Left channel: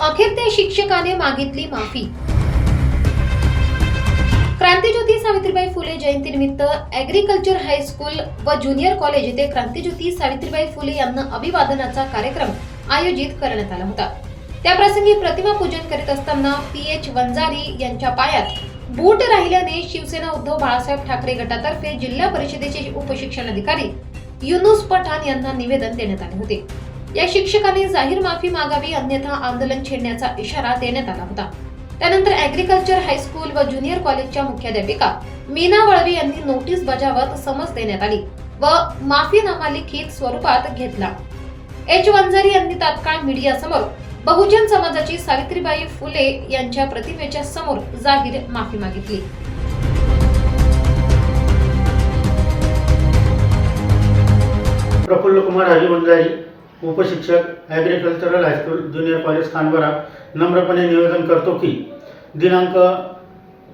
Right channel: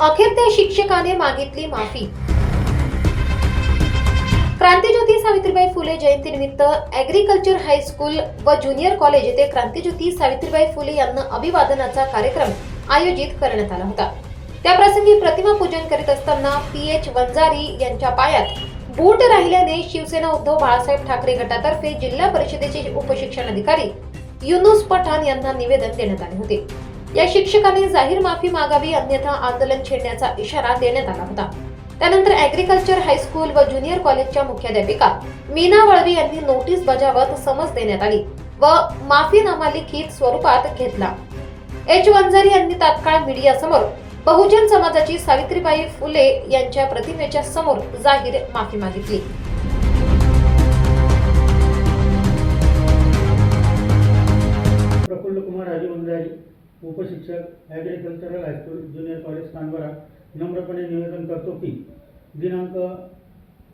अखेर त्या शिक्षकाने मागितली माफी. क्रांतीज्योती सावित्रीबाई फुले जयंतीनिमित्त ॲग्रिकल्चर हायस्कूल व ज्युनियर कॉलेज येथे क्रांतीज्योती सावित्रीबाई फुले यांना अभिवादनाचा कार्यक्रम आयोजित करण्यात आला होता. त्याप्रसंगी प्रतिमा पूजन करीत असताना पी एच वंजारी यांच्या पायात बूट राहिल्याने शिवसेना उद्धव बाळासाहेब ठाकरे गटातर्फे जिल्हा परिषदेचे उपशिक्षण अधिकारी युनुस पठाण यांना निवेदन देण्यात आले होते. या शिक्षकांनी जाहीर माफी मागावी अन्यथा आंदोलन छेडण्याचा इशारा देण्यात आला होता. त्यानंतर ॲग्रिकल्चर हायस्कूल व ज्युनियर कॉलेजच्या मुख्याध्यापिका मीना वळवी यांनी नोटीस बजावत समज देण्यात आली व माफीनामा लिखित स्वरूपात घेतला. एच वंजारी यांनी तात्काळ मीडियासमोर बहुजन समाजाची सावित्रीबाई फुले यांच्या प्रतिमेच्या समोर जाहीर माफी मागितली. Praful Kumar Harivanjari उपशिक्षक agricultural high school junior college Khanbara नम्रपणे निवेदन करतो की दिनांक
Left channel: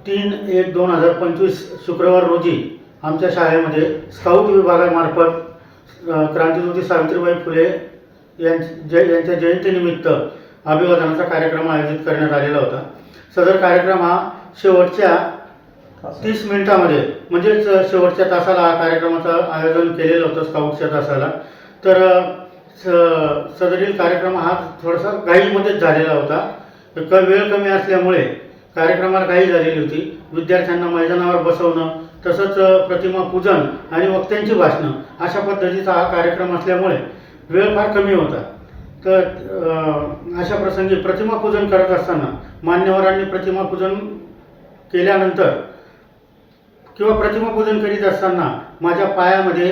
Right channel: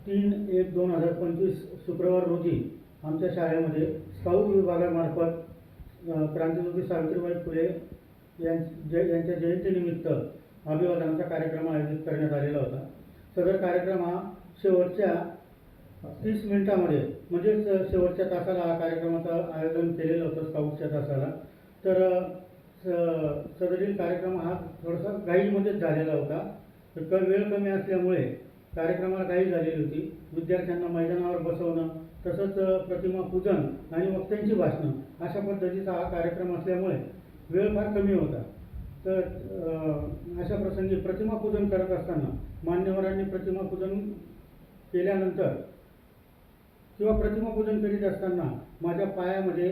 तीन एक दोन हजार पंचवीस शुक्रवार रोजी आमच्या शाळेमध्ये स्काउट विभागामार्फत क्रांतिज्योती सावित्रीबाई फुले यां जय यांच्या जयंतीनिमित्त अभिवादनाचा कार्यक्रम आयोजित करण्यात आलेला होता. सदर कार्यक्रम हा शेवटच्या तीस मिनिटामध्ये म्हणजेच शेवटच्या तासाला हा कार्यक्रमाचं आयोजन केलेलं होतं स्काउटच्या तासाला. तर स सदरील कार्यक्रम हा थोडासा घाईमध्येच झालेला होता. क वेळ कमी असल्यामुळे कार्यक्रमाला घाई झालेली होती. विद्यार्थ्यांना मैदानावर बसवणं तसंच प्रतिमा पूजन आणि वक्त्यांची भाषणं अशा पद्धतीचा हा कार्यक्रम असल्यामुळे वेळ फार कमी होता. तर अशा प्रसंगी प्रतिमा पूजन करत असताना मान्यवरांनी प्रतिमा पूजन केल्यानंतर किंवा प्रतिमा पूजन करीत असताना माझ्या पायामध्ये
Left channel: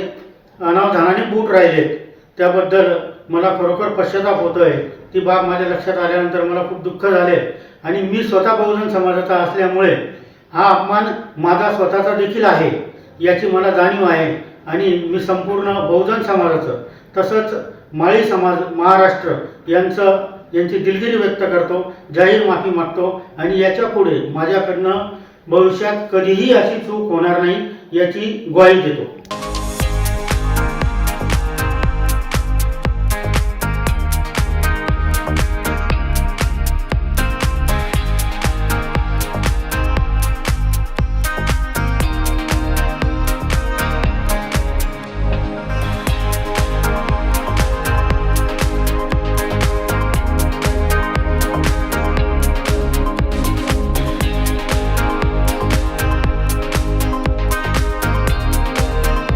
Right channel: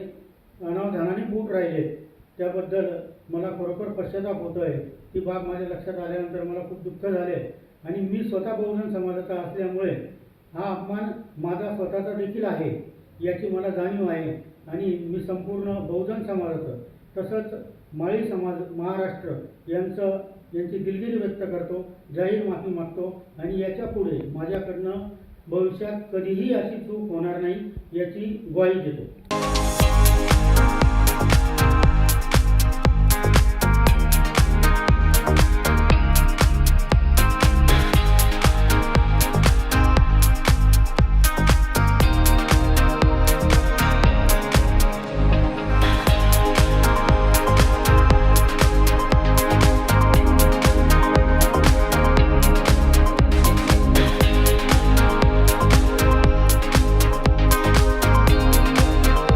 अनावधानाने बूट राहिलेत त्याबद्दल मला खरोखर पश्चाताप होतो आहे ती बाब माझ्या लक्षात आल्यानंतर मला खूप दुःख झाले. आणि मी स्वतः बहुजन समाजाचा असल्यामुळे हा अपमान माझा स्वतःचा देखील आहे याची मला जाणीव आहे. आणि मी संपूर्ण बहुजन समाजाचं तसंच माळी समाज महाराष्ट्र यांचं यांची दिलगिरी व्यक्त करतो जाहीर माफी मागतो. आणि याच्यापुढे माझ्याकडनं भविष्यात कधीही अशी चूक होणार नाही याची ग्वाही देतो.